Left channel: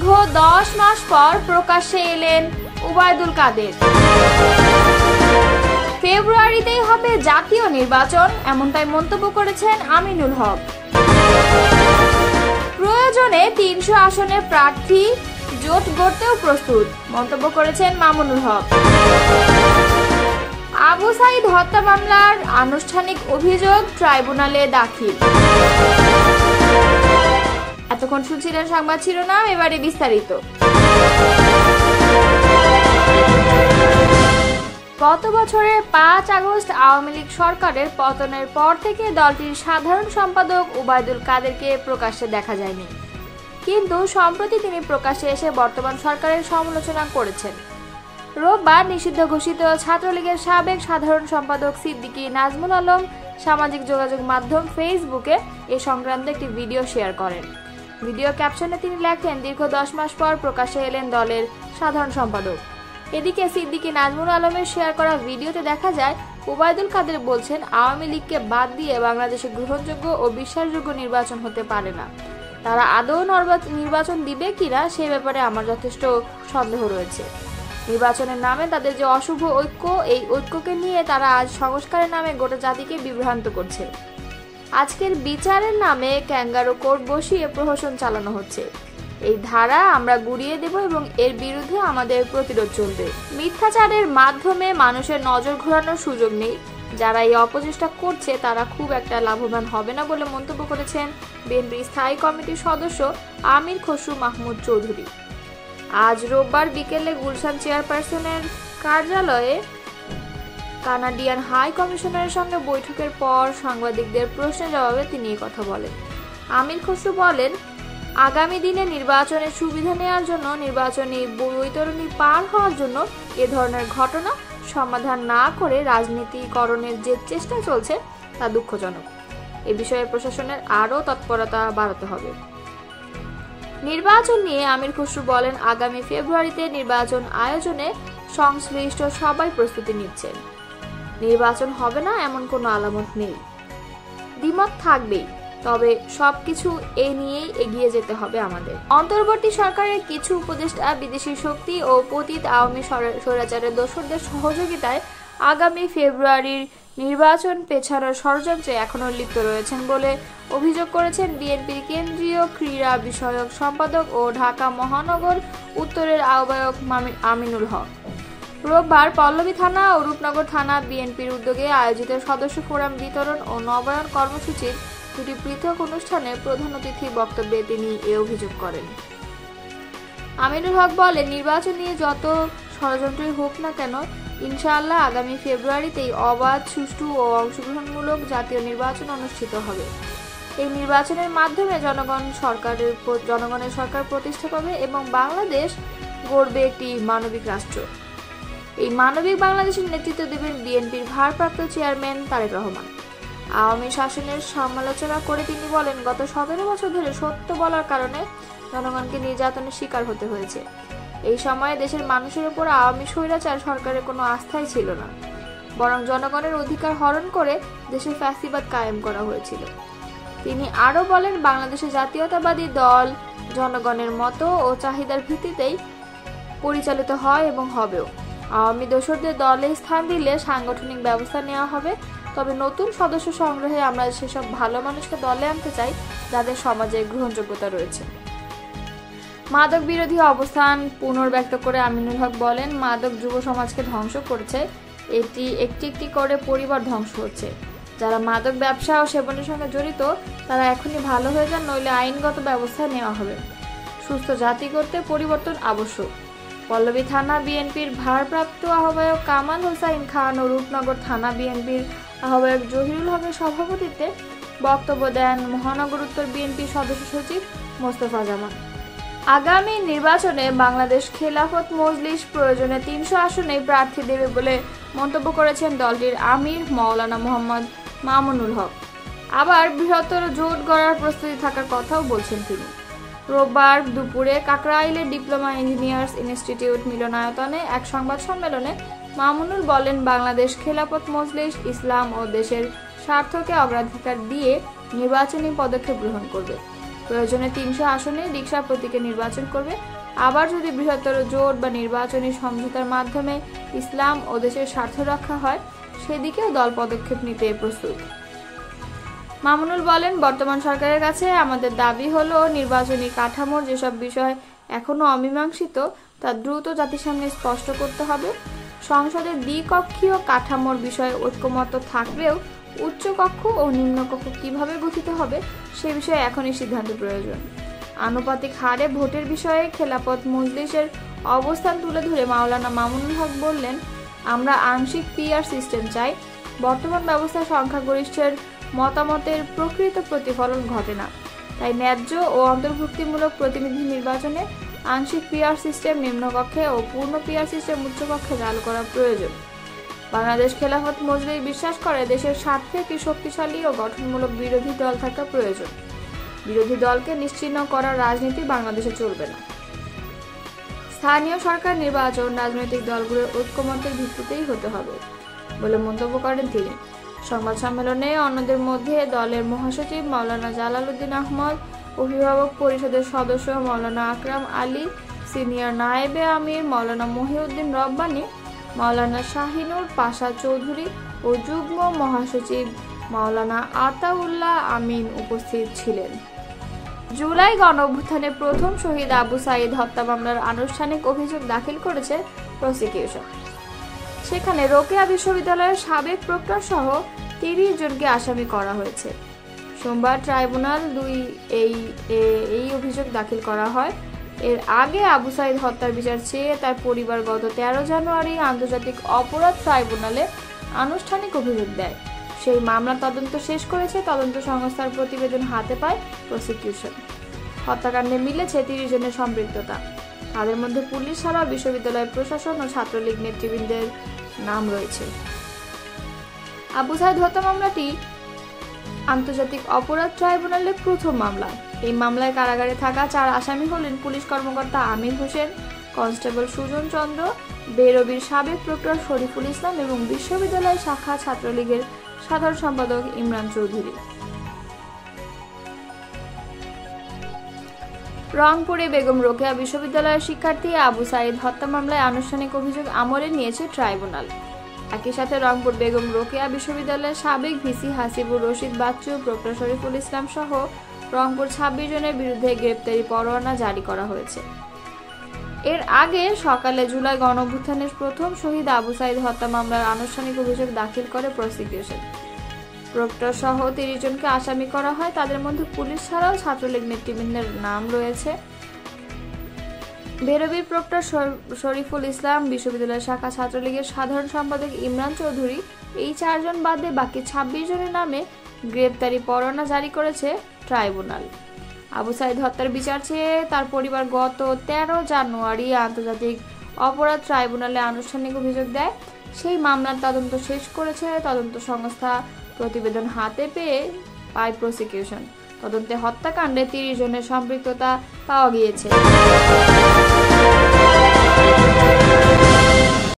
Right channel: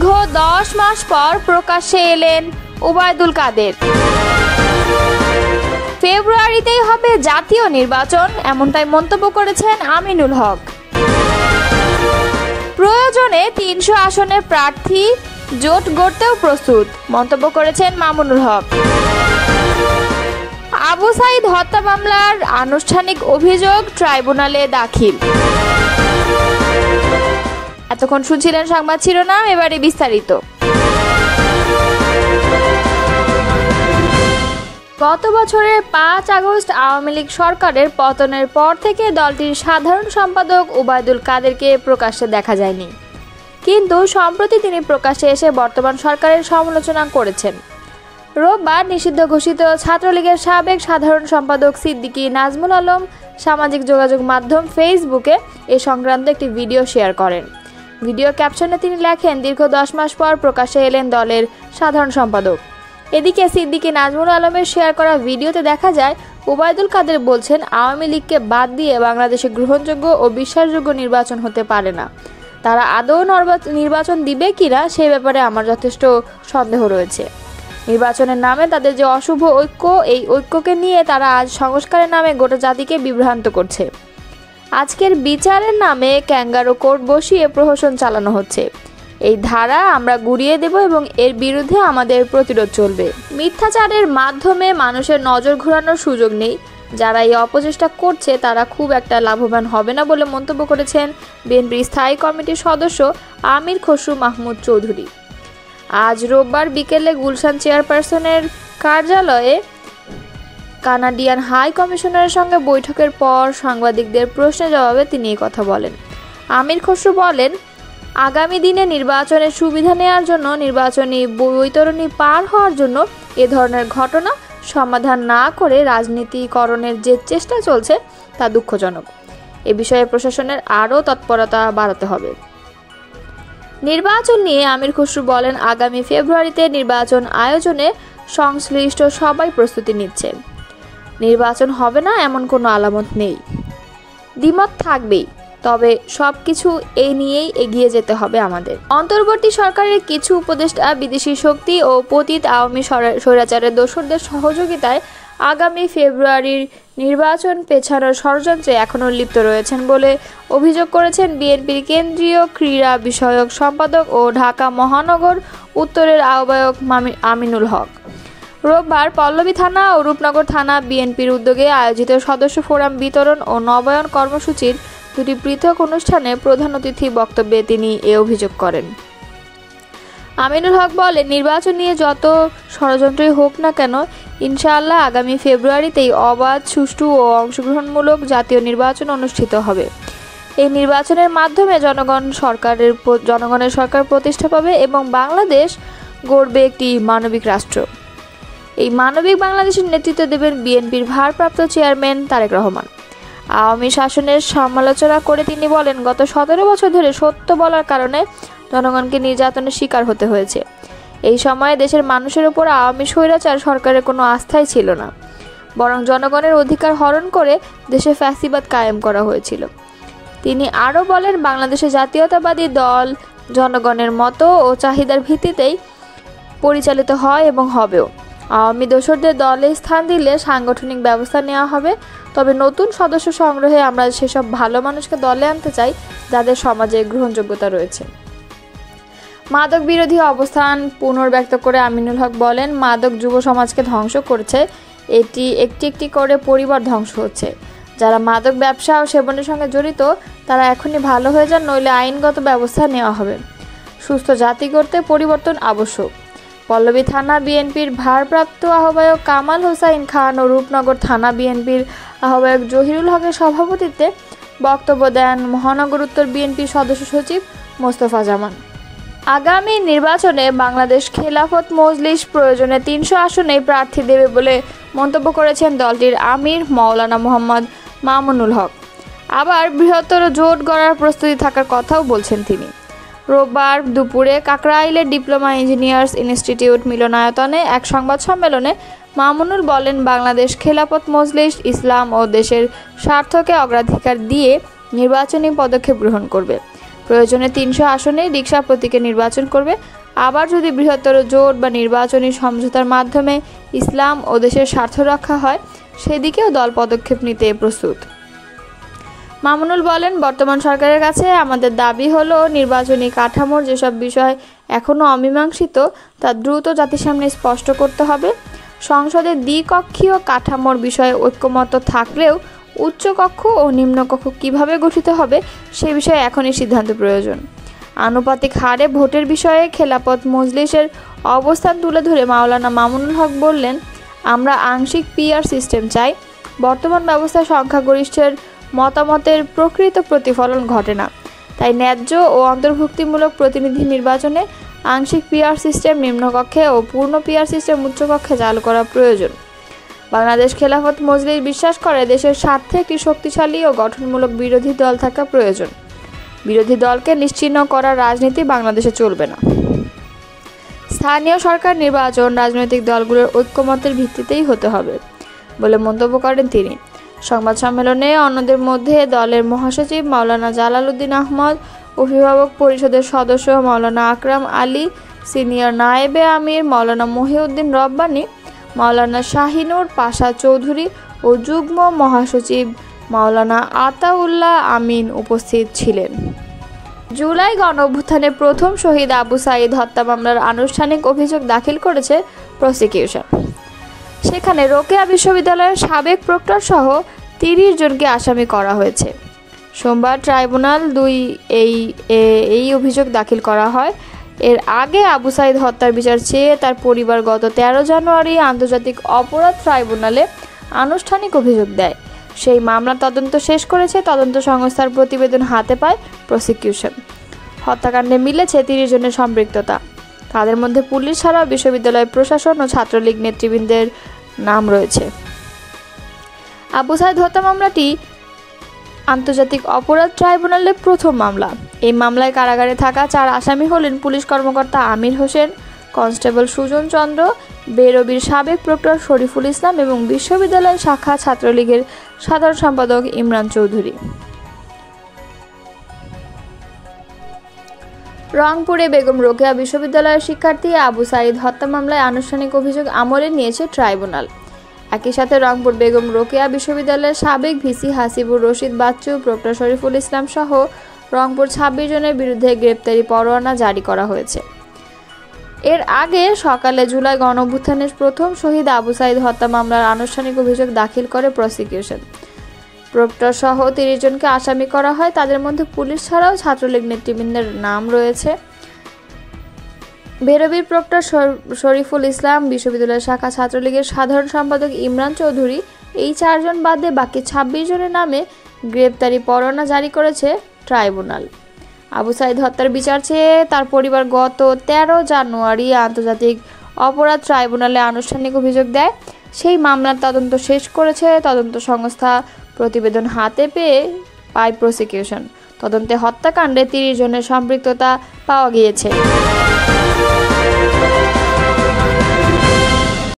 দীর্ঘ 10 মাস পর প্রকাশ্যে এলেন ওবায়দুল কাদের। ফেব্রুয়ারিতেই হবে জাতীয় নির্বাচন, এমনটাই মন্তব্য করেছেন আমিনুল হক। প্রয়োজনে 300 আসনের প্রার্থী জোট গড়তেও প্রস্তুত, মন্তব্য করেছেন মামুনুল হক। আবু সাইদ হত্যা মামলার আনুষ্ঠানিক অভিযোগ ট্রাইব্যুনালে দাখিল। এতক্ষণ শুনছিলেন সংবাদ শিরোনাম, এবারে বিস্তারিত। গত বছরের 5 আগস্ট আওয়ামী লীগ সরকারের পতনের পর থেকে দলটির সাধারণ সম্পাদক ওবায়দুল কাদেরকে প্রকাশ্যে দেখা যায়নি, কিন্তু সম্প্রতি তিনি প্রকাশ্যে এসে বর্তমান সরকারের সমালোচনা করেছেন। রোববার নিষিদ্ধ ঘোষিত ছাত্রলীগের সাবেক সাধারণ সম্পাদক সিদ্দিকী নাজমুল আলম সামাজিক যোগাযোগ মাধ্যম ফেসবুকে এ সংক্রান্ত একটি ভিডিও শেয়ার করেন। ভিডিও ক্যাপশনে তিনি লেখেন, দীর্ঘ 10 মাস পর প্রকাশ্যে এলেন দলের সাধারণ সম্পাদক। এদিকে সিদ্দিকী নাজমুল আলমের শেয়ার করা ভিডিওতে দেখা যায় ওবায়দুল কাদের বলছেন, আওয়ামী লীগকে বাদ দিয়ে বাংলাদেশে গ্রহণযোগ্য ও বিশ্বাসযোগ্য নির্বাচন হতে পারে না। তারা আদৌ নির্বাচন দিবে কিনা সে ব্যাপারে আমার যথেষ্ট সন্দেহ রয়েছে। নির্বাচনের নামে তাদের যে অশুভ ঐক্য, এই ঐক্যকে নিয়ে তারা আজ সংস্কারের নামে গোটা জাতিকে বিভ্রান্ত করছে। আজকের বিচারের নামে ক্যাঙ্গারু কোর্ট বসিয়ে প্রহসন চালানো হচ্ছে। এই ধারা আমরা গুড়িয়ে দেব এবং এর বিরুদ্ধে আমাদের প্রতিরোধ চলবে। মিথ্যাচারের মাধ্যমে মানুষের নজর ঘোরানোর সুযোগ নেই। যারা এই অপচেষ্টা করছে তারা খুব একটা লাভবান হবে না বলে মন্তব্য করেছেন বিএনপির স্থায়ী কমিটির সদস্য আমির খসরু মাহমুদ চৌধুরী। আজ রোববার বিকেলে গুলশান চেয়ারপারসনের কার্যালয়ে কানাডিয়ান হাই কমিশনারের সঙ্গে বৈঠকের পর সাংবাদিকদের প্রশ্নের জবাবে তিনি এই কথা বলেন। আমির খসরু বলেন, আগামী দিনে নির্বাচনের সুবিধা নেওয়ার জন্য, নির্বাচনী বৈতরণী পার হওয়ার জন্য এ ধরনের ঘটনা সমাধান না করে রাজনীতিকরণের যে চেষ্টা চলছে তা দুঃখজনক। এ বিষয়ে প্রশাসনের আরও তৎপরতা বাড়াতে হবে। নির্বাচন নিয়ে আমির খসরু বলেন, আগামী ফেব্রুয়ারিতে নির্বাচন আয়োজনে সংশ্লিষ্ট সবাই প্রস্তুতি নিচ্ছে। নির্বাচন হবে না এমন কোনো আলামত নেই, দ্বিমত থাকবেই, তবে সবকিছু এই নিয়েই এগিয়ে যেতে হবে আমাদের। অন্তর্বর্তী সরকারের কিছু উপদেষ্টা বিদেশি শক্তি ও পতিত আওয়ামী স্বৈরাচারের দোসরদের সহযোগিতায় আগামী ফেব্রুয়ারির নির্বাচন পেছানোর ষড়যন্ত্রে এখনও লিপ্ত রয়েছেন বলে অভিযোগ করেছেন বিএনপির কেন্দ্রীয় ক্রীড়া বিষয়ক সম্পাদক ও ঢাকা মহানগর উত্তরের আহ্বায়ক আমিনুল হক। রোববার পল্লবী থানা ও রূপনগর থানা বিএনপির উদ্যোগে আয়োজিত সদস্য ফোরাম বিতরণ ও নবায়ন কর্মসূচির দুটি পৃথক অনুষ্ঠানে প্রধান অতিথি বক্তব্যে তিনি এ অভিযোগ করেন। আমিনুল হক বলেন, নির্বাচন নিয়ে যত ষড়যন্ত্রই হোক না কেন, ইনশাআল্লাহ আগামী ফেব্রুয়ারিতেই অবাধ, সুষ্ঠু ও অংশগ্রহণমূলক জাতীয় নির্বাচন অনুষ্ঠিত হবে। এই নির্বাচনের মাধ্যমে জনগণের সরকার প্রতিষ্ঠা পাবে এবং বাংলাদেশ গড়বে একটি মানবিক রাষ্ট্র। এই মানবিক বাংলাদেশের নেতৃত্ব দেবেন বিএনপির ভারপ্রাপ্ত চেয়ারম্যান তারেক রহমান। আওয়ামী শাসনের সমালোচনা করে তিনি বলেন, গত 17 বছর ধরে সত্য বলার কারণে জনগণকে নির্যাতনের শিকার হতে হয়েছে। এই সময়ে দেশের মানুষের উপর আওয়ামী স্বৈরাচার সরকারের কোনো আস্থাই ছিল না, বরং জনগণের অধিকার হরণ করে দেশে ফ্যাসিবাদ কায়েম করা হয়েছিল। তিনি আরও বলেন, বাংলাদেশে জাতীয়তাবাদী দল জনগণের মতো ও চাহিদার ভিত্তিতেই পরিচালিত হয় এবং হবেও। আওয়ামী দোসরদের দলে স্থান দিলে সাংগঠনিক ব্যবস্থা নেওয়া হবে, তবে নতুন সদস্য সংগ্রহে আমরা সেসব ভালো মানুষকে দলে আনতে চাই যাদের সমাজে গ্রহণযোগ্যতা রয়েছে। মাদক বিরোধী অবস্থান পুনর্ব্যক্ত করে আমিনুল হক বলেন, মাদক যুব সমাজকে ধ্বংস করছে, এটি একটি একটি করে পরিবার ধ্বংস হচ্ছে। যারা মাদক ব্যবসা ও সেবনের সঙ্গে জড়িত তারা এখনই ভালো হয়ে যান, নইলে আইনগত ব্যবস্থা নেওয়া হবে। সুস্থ জাতি গড়তে পরিবর্তন আবশ্যক। পল্লবী থানা বিএনপির ভারপ্রাপ্ত আহ্বায়ক কামাল হোসাইন খান ও রূপনগর থানা বিএনপির আহ্বায়ক জহিরুল হকের সভাপতিত্বে বক্তব্য দেন মহানগর উত্তর বিএনপির সদস্য সচিব মোস্তফা জামান। আগামী নির্বাচনে বাংলাদেশ খেলাফত মজলিস প্রয়োজনে 300 আসনে প্রার্থী দেবে বলে মন্তব্য করেছেন দলটির আমির মাওলানা মোহাম্মদ মামুনুল হক। আবার বৃহত্তর জোট গড়ার প্রস্তুতি থাকার কথাও বলছেন তিনি। রোববার দুপুরে কাকরাইলের ডিপ্লোমা ইঞ্জিনিয়ার্স ইনস্টিটিউট মিলনায়তনে এক সংবাদ সম্মেলনে মামুনুল বলেন, বাংলাদেশ খেলাফত মজলিস ইসলাম ও দেশের স্বার্থকে অগ্রাধিকার দিয়ে নির্বাচনী পদক্ষেপ গ্রহণ করবে। প্রয়োজনে 300 আসনে রিকশা প্রতীকে নির্বাচন করবে। আবার যদি বৃহত্তর জোট বা নির্বাচনী সমঝোতার মাধ্যমে ইসলাম ও দেশের স্বার্থ রক্ষা হয়, সেদিকেও দল পদক্ষেপ নিতে প্রস্তুত। মামুনুল বলেন, বর্তমান সরকারের কাছে আমাদের দাবি হলো নির্বাচনী কাঠামোর যেসব বিষয় এখনও অমীমাংসিত তা দ্রুত জাতির সামনে স্পষ্ট করতে হবে। সংসদের দ্বিকক্ষীয় কাঠামোর বিষয়ে ঐক্যমত্য থাকলেও উচ্চকক্ষ ও নিম্নকক্ষ কিভাবে গঠিত হবে সে বিষয়ে এখনই সিদ্ধান্ত প্রয়োজন। আনুপাতিক হারে ভোটের বিষয়ে খেলাফত মজলিসের অবস্থান তুলে ধরে মাওলানা মামুনুল হক বললেন, আমরা আংশিক পিআর সিস্টেম চাই। বর্তমান ব্যবস্থায় সংখ্যাগরিষ্ঠের মতামতের প্রকৃত প্রতিফলন ঘটে না, তাই ন্যায্য ও অন্তর্ভুক্তিমূলক প্রতিনিধি নির্বাচনে আংশিক পিআর সিস্টেম নিম্নকক্ষে ও পূর্ণ পিআর সিস্টেম উচ্চকক্ষে চালু করা প্রয়োজন। বাংলাদেশ খেলাফত মজলিস বিশ্বাস করে দেশের স্বার্থে একটি শক্তিশালী ও গঠনমূলক বিরোধী দল থাকা প্রয়োজন। বিরোধী দলকে নিশ্চিহ্ন করার রাজনীতি বাংলাদেশে চলবে না। স্থানীয় সরকার নির্বাচন রাজনৈতিক দলগুলোর ঐক্যমতের ভিত্তিতেই হতে হবে বলে মন্তব্য করেন তিনি। সংবাদ সম্মেলনে অন্যদের মধ্যে দলের মহাসচিব মাওলানা জালাল উদ্দিন আহমদ, অভিভাবক পরিষদের সদস্য মাওলানা আকরাম আলী, সিনিয়র নায়েবে আমির মাওলানা মহিউদ্দিন রব্বানী, মাওলানা শাহিনুর পাশা চৌধুরী ও যুগ্ম মহাসচিব মাওলানা আতাউল্লাহ আমিন উপস্থিত ছিলেন। জুলাই গণঅভ্যুত্থানে প্রথম শহীদ আবু সাঈদ হত্যা মামলার আনুষ্ঠানিক অভিযোগ দাখিল করেছে প্রসিকিউশন। সেখানে রোকেয়া বিশ্ববিদ্যালয়ের সাবেক প্রক্টর সহ 30 জনকে আসামি করা হয়েছে। সোমবার ট্রাইব্যুনাল 2 এই অভিযোগ দাখিল করা হয়। এর আগে আবু সাঈদ হত্যার বিচার চেয়ে তার পরিবার গত 13 জানুয়ারি আন্তর্জাতিক অপরাধ ট্রাইব্যুনালে আনুষ্ঠানিক অভিযোগ দেয়। সেই মামলার তদন্ত শেষ করেছে তদন্ত সংস্থার প্রতিবেদন হাতে পায় প্রসিকিউশন। হত্যাকাণ্ডে মিলেছে 30 জনের সম্পৃক্ততা। তাদের মধ্যে পুলিশ ছাড়াও বিশ্ববিদ্যালয় প্রশাসন ও ছাত্রলীগ নেতৃবৃন্দের নাম রয়েছে। আবু সাঈদ হত্যা মামলাটি আন্তর্জাতিক অপরাধ ট্রাইব্যুনালের প্রথম মামলা। এই মামলায় কারাগারে থাকা 4 আসামি হলেন পুলিশ কর্মকর্তা আমির হোসেন, কনস্টেবল সুজন চন্দ্র, বেরবির সাবেক প্রক্টর শরীফুল ইসলাম এবং বিশ্ববিদ্যালয় শাখা ছাত্রলীগের সাধারণ সম্পাদক ইমরান চৌধুরী। রংপুরে বেগম রোকেয়া বিশ্ববিদ্যালয়ের শিক্ষার্থী আবু সাঈদ হত্যা মামলায় আনুষ্ঠানিক অভিযোগ আমলে নিয়েছে ট্রাইব্যুনাল। একই সাথে রংপুর বেগম রোকেয়া বিশ্ববিদ্যালয়ের সাবেক ভিসি হাসিবুর রশিদ বাচ্চু, প্রক্টর শরীফুল ইসলাম সহ রংপুর 26 জনের বিরুদ্ধে গ্রেপ্তারি পরোয়ানা জারি করা হয়েছে। এর আগে সকালে জুলাই গণঅভ্যুত্থানের প্রথম শহীদ আবু সাঈদ হত্যা মামলার আনুষ্ঠানিক অভিযোগ দাখিল করে প্রসিকিউশন। প্রক্টর সহ 30 জনকে আসামি করা হয়। তাদের মধ্যে পুলিশ ছাড়াও ছাত্রলীগ নেতৃবৃন্দের নাম রয়েছে। বেরবির প্রক্টর শরীফুল ইসলাম, বিশ্ববিদ্যালয় শাখা ছাত্রলীগের সাধারণ সম্পাদক ইমরান চৌধুরী, এই 4 জন বাদে বাকি 26 জনের নামে গ্রেপ্তারি পরোয়ানা জারি করেছে ট্রাইব্যুনাল। আবু সাঈদ হত্যার বিচার চেয়ে তার পরিবার গত 13 জানুয়ারি আন্তর্জাতিক অপরাধ ট্রাইব্যুনালে আনুষ্ঠানিক অভিযোগ দেয়। সেই মামলার তদন্ত শেষ করেছে তদন্ত সংস্থা। প্রতিবেদন হাতে পায় প্রসিকিউশন। তদন্তে হত্যাকাণ্ডে 30 জনের সম্পৃক্ততা পাওয়া গিয়েছে।